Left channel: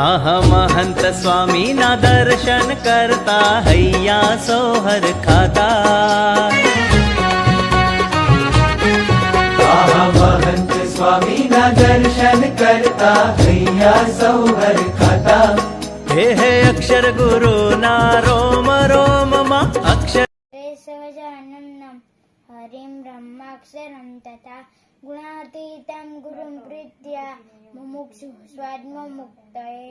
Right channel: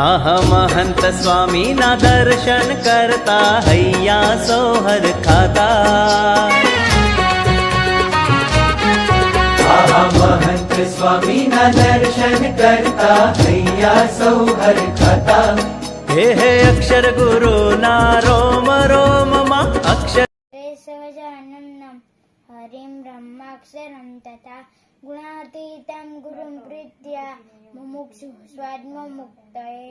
હા महंत स्वामी ना दर्शन करता हैया सोहर खाता। महंत स्वामी ना दर्शन करता हैया सोहर खाता। हे अक्षर गुरु ना रोम रोम मा अक्षर सहजानन्दं हरिं ब्रह्माक्षरं तथा गुणातीतं गुरुं प्रीत्या मुमुक्षुः स्वात्ममुक्तये।